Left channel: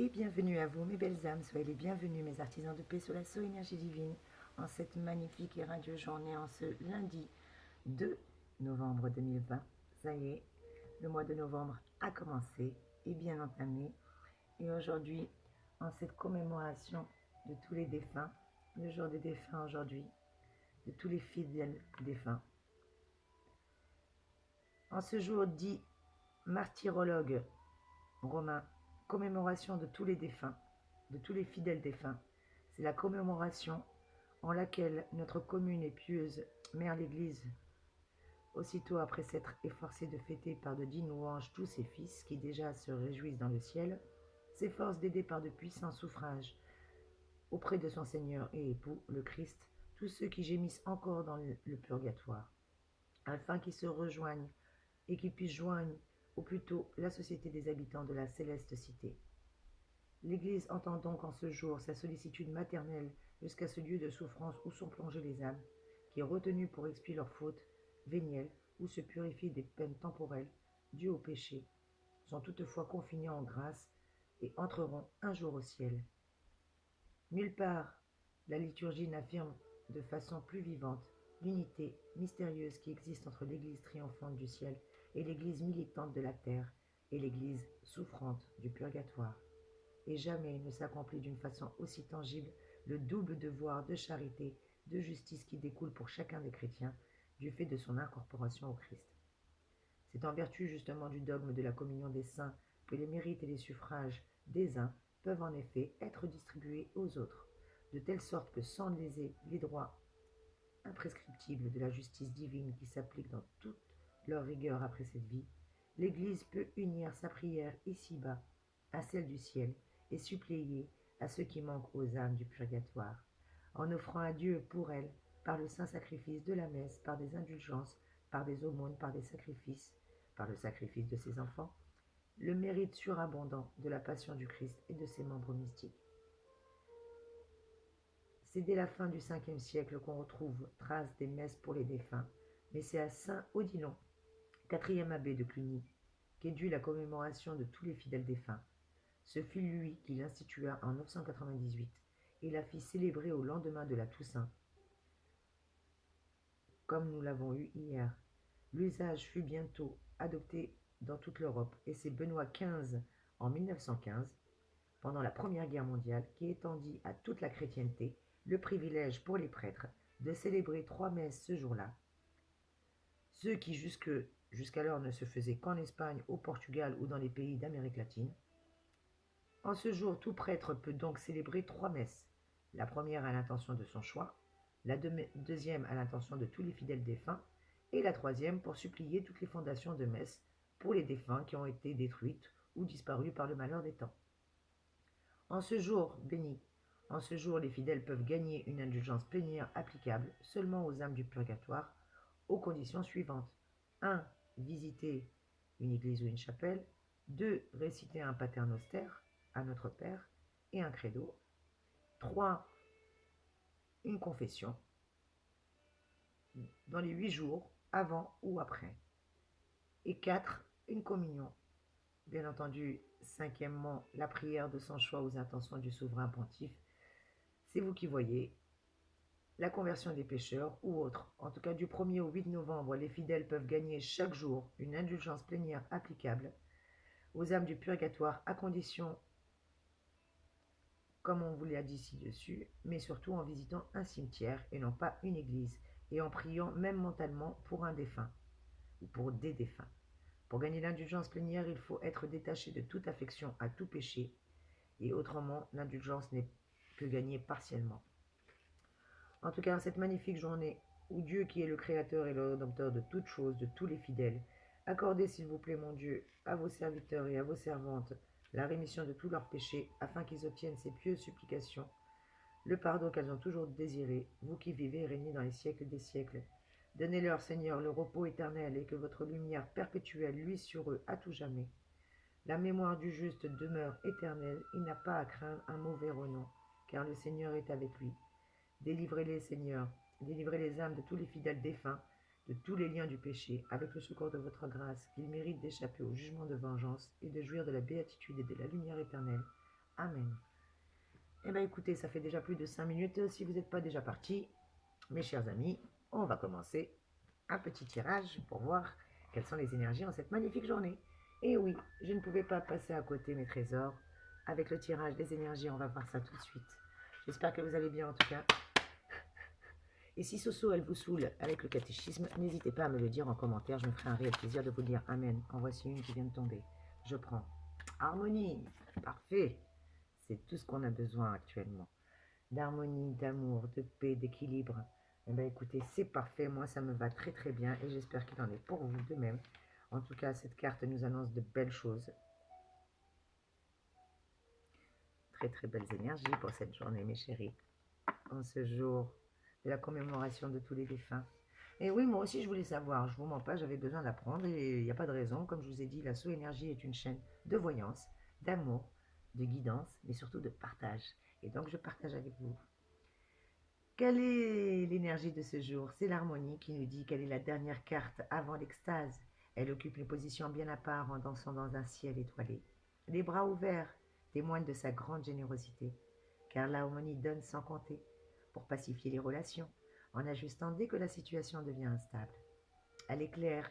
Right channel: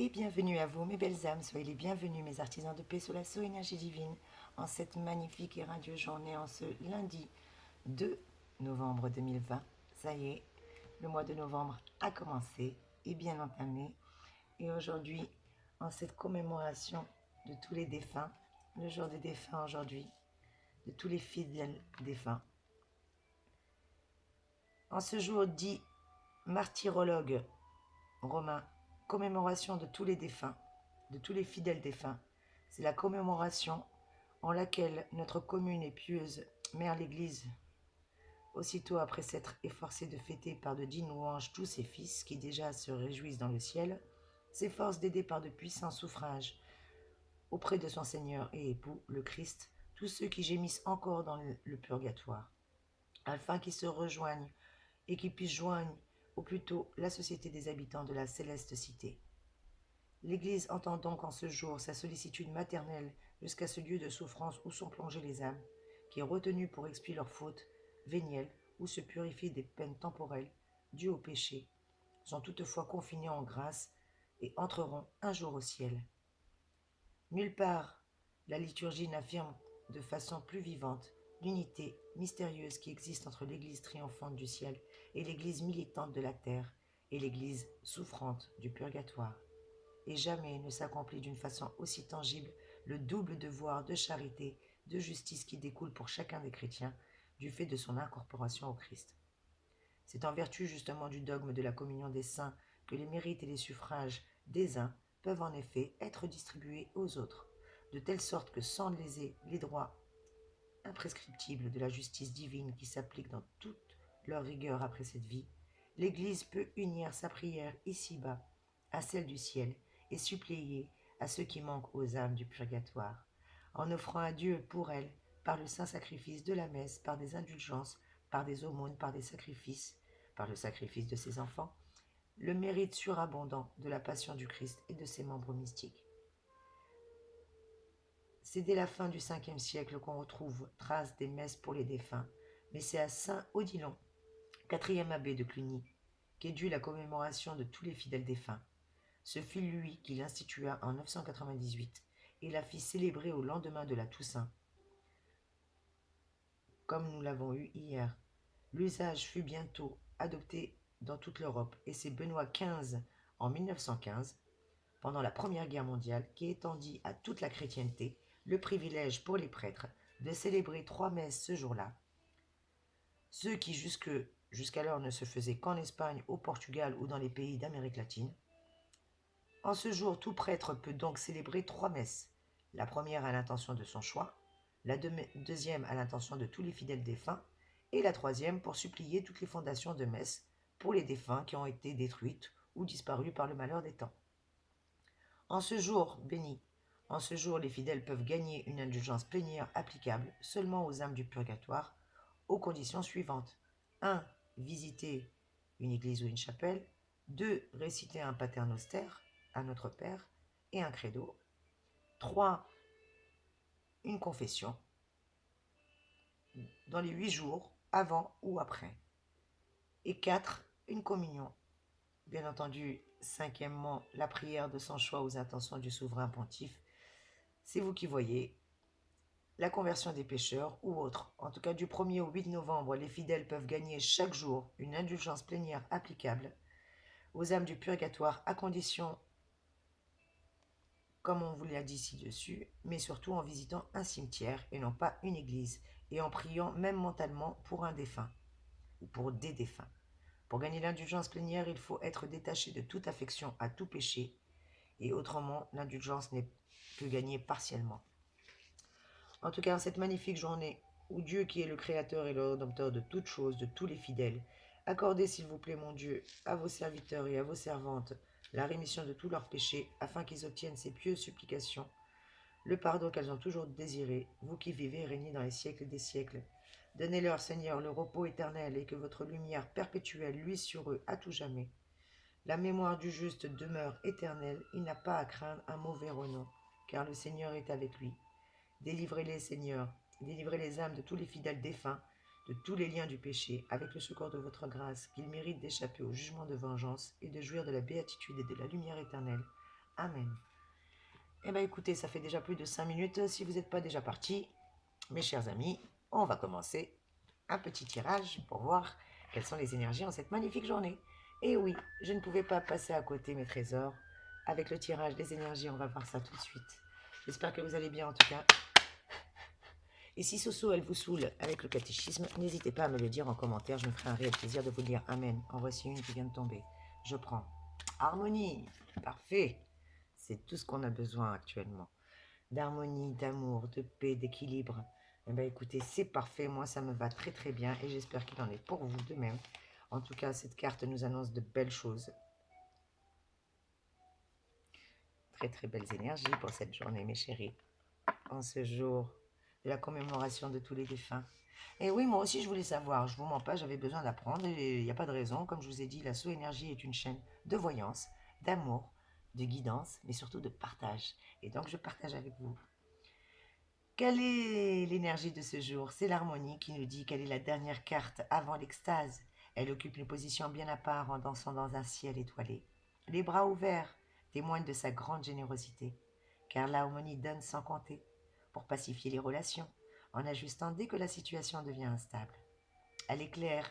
Et bienvenue à vous, mes belles âmes. Soyez les bienvenus, mes artisans de paix sous la sceau énergie divine, en cette magnifique et radieuse journée, en ce lundi 2 novembre 2020. Ça y est, le mois de novembre a commencé et bien entamé. Et aujourd'hui, en cette commémoration de tous les défunts, le jour des défunts aujourd'hui, de tous les fidèles défunts. En ce jour dit martyrologue romain, commémoration de tous les défunts, de tous les fidèles défunts. C'est la commémoration en laquelle notre commune et pieuse Mère l'Église, aussitôt après s'être efforcée de fêter par de dignes louanges tous ses fils qui déjà se réjouissent dans le ciel, s'efforce d'aider par de puissants suffrages auprès de son Seigneur et époux, le Christ, tous ceux qui gémissent encore dans le purgatoire, afin qu'ils se rejoignent et qu'ils puissent joindre ou plutôt la société des habitants de la céleste cité. L'Église entend donc en ce jour sa sollicitude maternelle jusqu'à ce lieu de souffrance où sont plongées les âmes, qui, retenues pour expier leurs fautes vénielles ou se purifier des peines temporelles dues au péché, sont toutefois confinées en grâce et entreront un jour au ciel. Nulle part la liturgie n'affirme de façon plus vivante l'unité mystérieuse qui existe entre l'Église triomphante du ciel et l'Église militante de la terre et l'Église souffrante du purgatoire. Et jamais ne s'accomplit d'une façon aussi tangible le double devoir de charité, de justice qui découle pour chacun des chrétiens du fait de son incorporation au Christ. C'est en vertu justement du dogme de la communion des saints que les mérites et les suffrages des uns peuvent en effet être distribués aux autres, de telle sorte que sans léser les droits imprescriptibles de la justice divine qui s'applique dans toute leur rigueur après cette vie, l'Église peut unir sa prière ici-bas à celle du ciel et suppléer à ceux qui manquent aux âmes du purgatoire, en offrant à Dieu pour elles, par le saint sacrifice de la messe, par des indulgences, par des aumônes, par des sacrifices, par le sacrifice de ses enfants, le mérite surabondant de la passion du Christ et de ses membres mystiques. C'est dès la fin du 5e siècle qu'on retrouve trace des messes pour les défunts, mais c'est à saint Odilon, 4e abbé de Cluny, qu'est due la commémoration de tous les fidèles défunts. Ce fut lui qui l'institua en 998 et la fit célébrer au lendemain de la Toussaint, comme nous l'avons eu hier. L'usage fut bientôt adopté dans toute l'Europe et c'est Benoît XV en 1915, pendant la Première Guerre mondiale, qui étendit à toute la chrétienté le privilège pour les prêtres de célébrer 3 messes ce jour-là. Ceux qui jusqu'alors ne se faisaient qu'en Espagne, au Portugal ou dans les pays d'Amérique latine. En ce jour, tout prêtre peut donc célébrer 3 messes. La première à l'intention de son choix, la deuxième à l'intention de tous les fidèles défunts, et la troisième pour supplier toutes les fondations de messe pour les défunts qui ont été détruites ou disparus par le malheur des temps. En ce jour béni, en ce jour les fidèles peuvent gagner une indulgence plénière applicable seulement aux âmes du purgatoire, aux conditions suivantes. 1. Visiter une église ou une chapelle. 2. Réciter un paternoster à notre Père et un credo. 3. Une confession dans les 8 jours, avant ou après. Et 4. Une communion. Bien entendu, 5e, la prière de son choix aux intentions du souverain pontife. C'est vous qui voyez. La conversion des pécheurs ou autre. En tout cas, du 1er au 8 novembre, les fidèles peuvent gagner chaque jour une indulgence plénière applicable aux âmes du purgatoire à condition, comme on vous l'a dit ci-dessus, mais surtout en visitant un cimetière et non pas une église, et en priant même mentalement pour un défunt ou pour des défunts. Pour gagner l'indulgence plénière, il faut être détaché de toute affection à tout péché, et autrement, l'indulgence n'est que gagnée partiellement. En tout cas, en cette magnifique journée où Dieu, qui est le Créateur et le Rédempteur de toutes choses, de tous les fidèles, accordez, s'il vous plaît, mon Dieu, à vos serviteurs et à vos servantes la rémission de tous leurs péchés, afin qu'ils obtiennent ces pieuses supplications, le pardon qu'elles ont toujours désiré, vous qui vivez et régnez dans les siècles des siècles. Donnez-leur, Seigneur, le repos éternel et que votre lumière perpétuelle luise sur eux à tout jamais. La mémoire du juste demeure éternelle, il n'a pas à craindre un mauvais renom, car le Seigneur est avec lui. Délivrez-les, Seigneur, délivrez les âmes de tous les fidèles défunts, de tous les liens du péché, avec le secours de votre grâce, qu'ils méritent d'échapper au jugement de vengeance et de jouir de la béatitude et de la lumière éternelle, Amen. Eh bien écoutez, ça fait déjà plus de 5 minutes. Si vous n'êtes pas déjà partis, mes chers amis, on va commencer un petit tirage pour voir quelles sont les énergies en cette magnifique journée. Et oui, je ne pouvais pas passer à côté, mes trésors. Avec le tirage des énergies, on va voir ça tout de suite. J'espère que vous allez bien en tout cas. Et si Soso, elle vous saoule avec le catéchisme, n'hésitez pas à me le dire en commentaire. Je me ferai un réel plaisir de vous dire Amen. En voici une qui vient de tomber. Je prends. Harmonie. Parfait. C'est tout ce qu'on a besoin actuellement. D'harmonie, d'amour, de paix, d'équilibre. Eh bien écoutez, c'est parfait. Moi, ça me va très très bien et j'espère qu'il en est pour vous de même. En tout cas, cette carte nous annonce de belles choses. Très très belles énergies pour cette journée, mes chéris. En ce jour de la commémoration de tous les défunts. Et oui, moi aussi, je voulais savoir. Je ne vous mens pas, j'avais besoin d'apprendre et il n'y a pas de raison. Comme je vous ai dit, la So Énergie est une chaîne de voyance, d'amour, de guidance, mais surtout de partage. Et donc, je partage avec vous. Quelle est l'énergie de ce jour? C'est l'harmonie qui nous dit quelle est la dernière carte avant l'extase. Elle occupe une position bien à part en dansant dans un ciel étoilé. Les bras ouverts témoignent de sa grande générosité, car l'harmonie donne sans compter pour pacifier les relations, en ajustant dès que la situation devient instable. Elle éclaire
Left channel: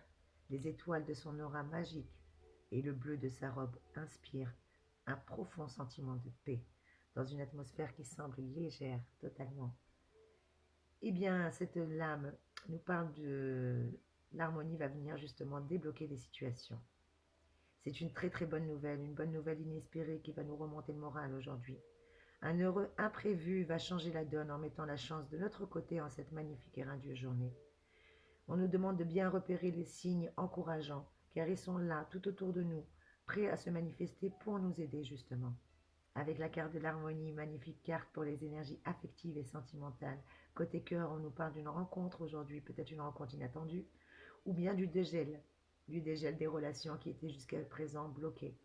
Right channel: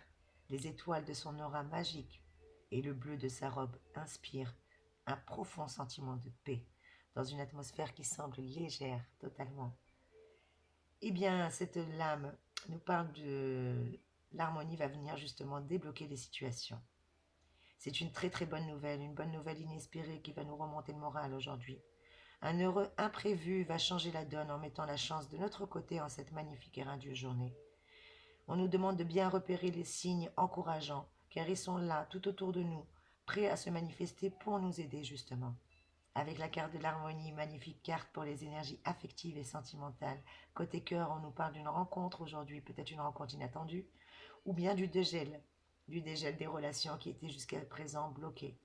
les étoiles de son aura magique et le bleu de sa robe inspire un profond sentiment de paix dans une atmosphère qui semble légère totalement. Eh bien, cette lame nous parle de l'harmonie va venir justement débloquer les situations. C'est une très très bonne nouvelle, une bonne nouvelle inespérée qui va nous remonter le moral aujourd'hui. Un heureux imprévu va changer la donne en mettant la chance de notre côté en cette magnifique et radieuse journée. On nous demande de bien repérer les signes encourageants, car ils sont là, tout autour de nous, prêts à se manifester pour nous aider justement. Avec la carte de l'harmonie, magnifique carte pour les énergies affectives et sentimentales. Côté cœur, on nous parle d'une rencontre aujourd'hui, peut-être une rencontre inattendue, ou bien du dégel des relations qui étaient jusqu'à présent bloquées.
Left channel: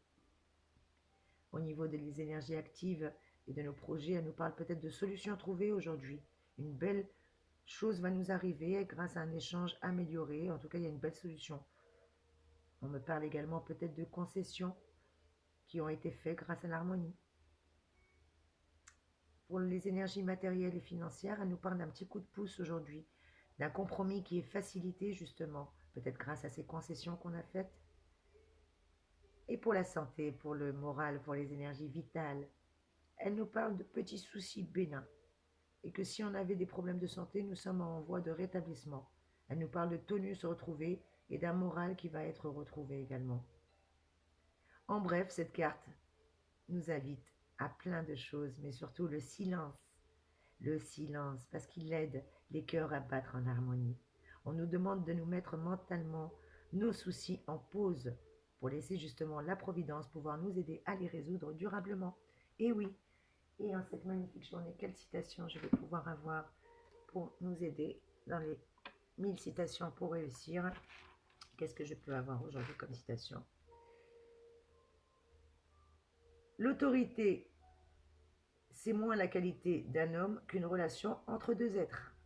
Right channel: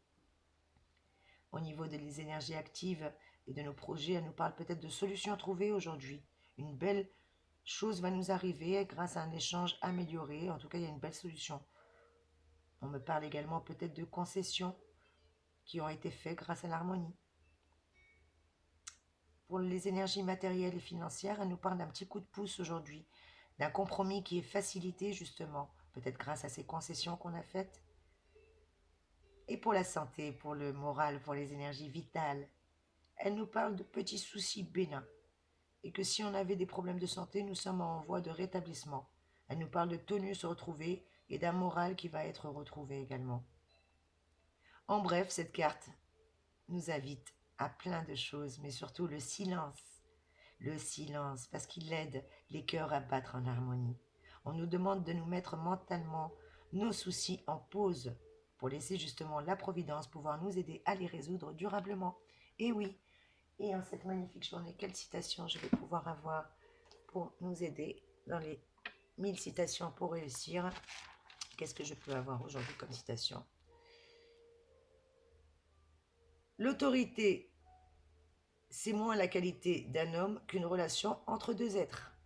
Au niveau des énergies actives et de nos projets, elle nous parle peut-être de solutions trouvées aujourd'hui. Une belle chose va nous arriver grâce à un échange amélioré. En tout cas, il y a une belle solution. On me parle également peut-être de concessions qui ont été faites grâce à l'harmonie. Pour les énergies matérielles et financières, elle nous parle d'un petit coup de pouce aujourd'hui, d'un compromis qui est facilité justement, peut-être grâce à ces concessions qu'on a faites. Et pour la santé, pour le moral, pour les énergies vitales, elle nous parle de petits soucis bénins. Et que si on avait des problèmes de santé, nous sommes en voie de rétablissement. Elle nous parle de tonus retrouvé et d'un moral qui va être retrouvé également. En bref, cette carte nous invite à plein de choses, mais surtout le silence. Le silence, parce qu'il aide les cœurs à battre en harmonie. On nous demande de nous mettre mentalement nos soucis en pause pour laisser justement la Providence pouvoir nous aider à les résoudre durablement. Et oui, et en cette magnifique journée, quelle citation je vais pouvoir avoir pour nous aider dans les 1000 citations pour réussir? Qu'est-ce que je peux avoir aujourd'hui comme citation? L'autorité, c'est moins la qualité d'un homme qu'une relation entre deux êtres.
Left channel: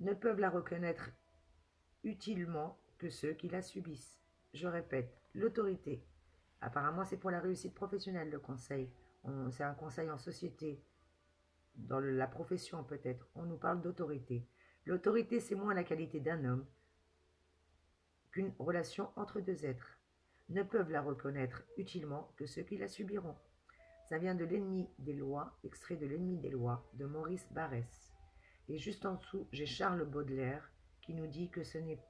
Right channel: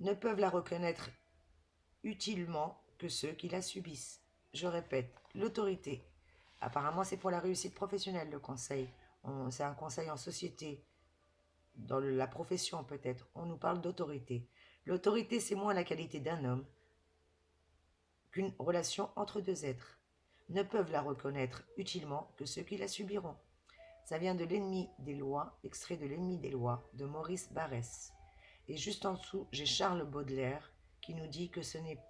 Ne peuvent la reconnaître utilement que ceux qui la subissent. Je répète, l'autorité. Apparemment, c'est pour la réussite professionnelle, le conseil. C'est un conseil en société, dans la profession peut-être. On nous parle d'autorité. L'autorité, c'est moins la qualité d'un homme qu'une relation entre deux êtres. Ne peuvent la reconnaître utilement que ceux qui la subiront. Ça vient de L'ennemi des lois, extrait de L'ennemi des lois de Maurice Barrès. Et juste en dessous, j'ai Charles Baudelaire qui nous dit que ce n'est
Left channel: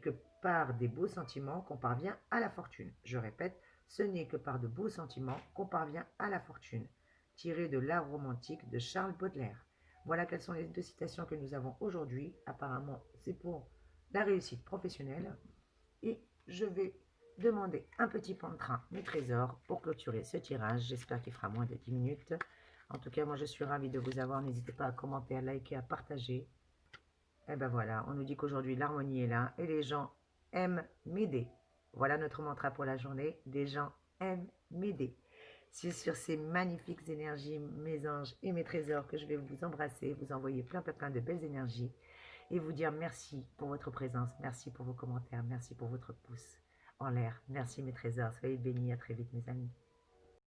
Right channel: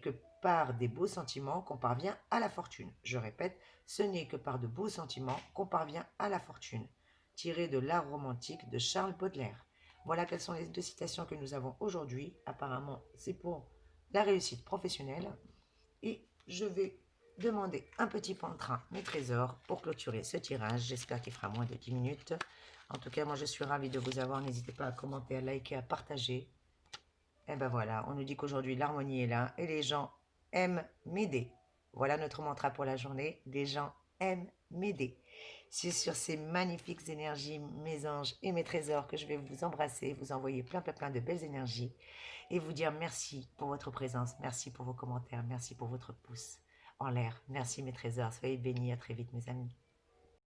que par des beaux sentiments qu'on parvient à la fortune. Je répète, ce n'est que par de beaux sentiments qu'on parvient à la fortune. Tiré de l'art romantique de Charles Baudelaire. Voilà quelles sont les deux citations que nous avons aujourd'hui. Apparemment, c'est pour la réussite professionnelle. Et je vais demander un petit point de train, mes trésors, pour clôturer ce tirage. J'espère qu'il fera moins de 10 minutes. En tout cas, moi, je suis ravie de vous avoir. N'hésitez pas à commenter, à liker, à partager. Et ben voilà, on nous dit qu'aujourd'hui, l'harmonie est là et les gens aiment m'aider. Voilà notre mantra pour la journée. Les gens aiment m'aider. C'est sur ces magnifiques énergies, mes anges et mes trésors, que je vais vous embrasser, vous envoyer plein de belles énergies et vous dire merci pour votre présence, merci pour vos commentaires, merci pour votre pouce. en l'air. Merci mes trésors, soyez bénis, à très vite mes amis.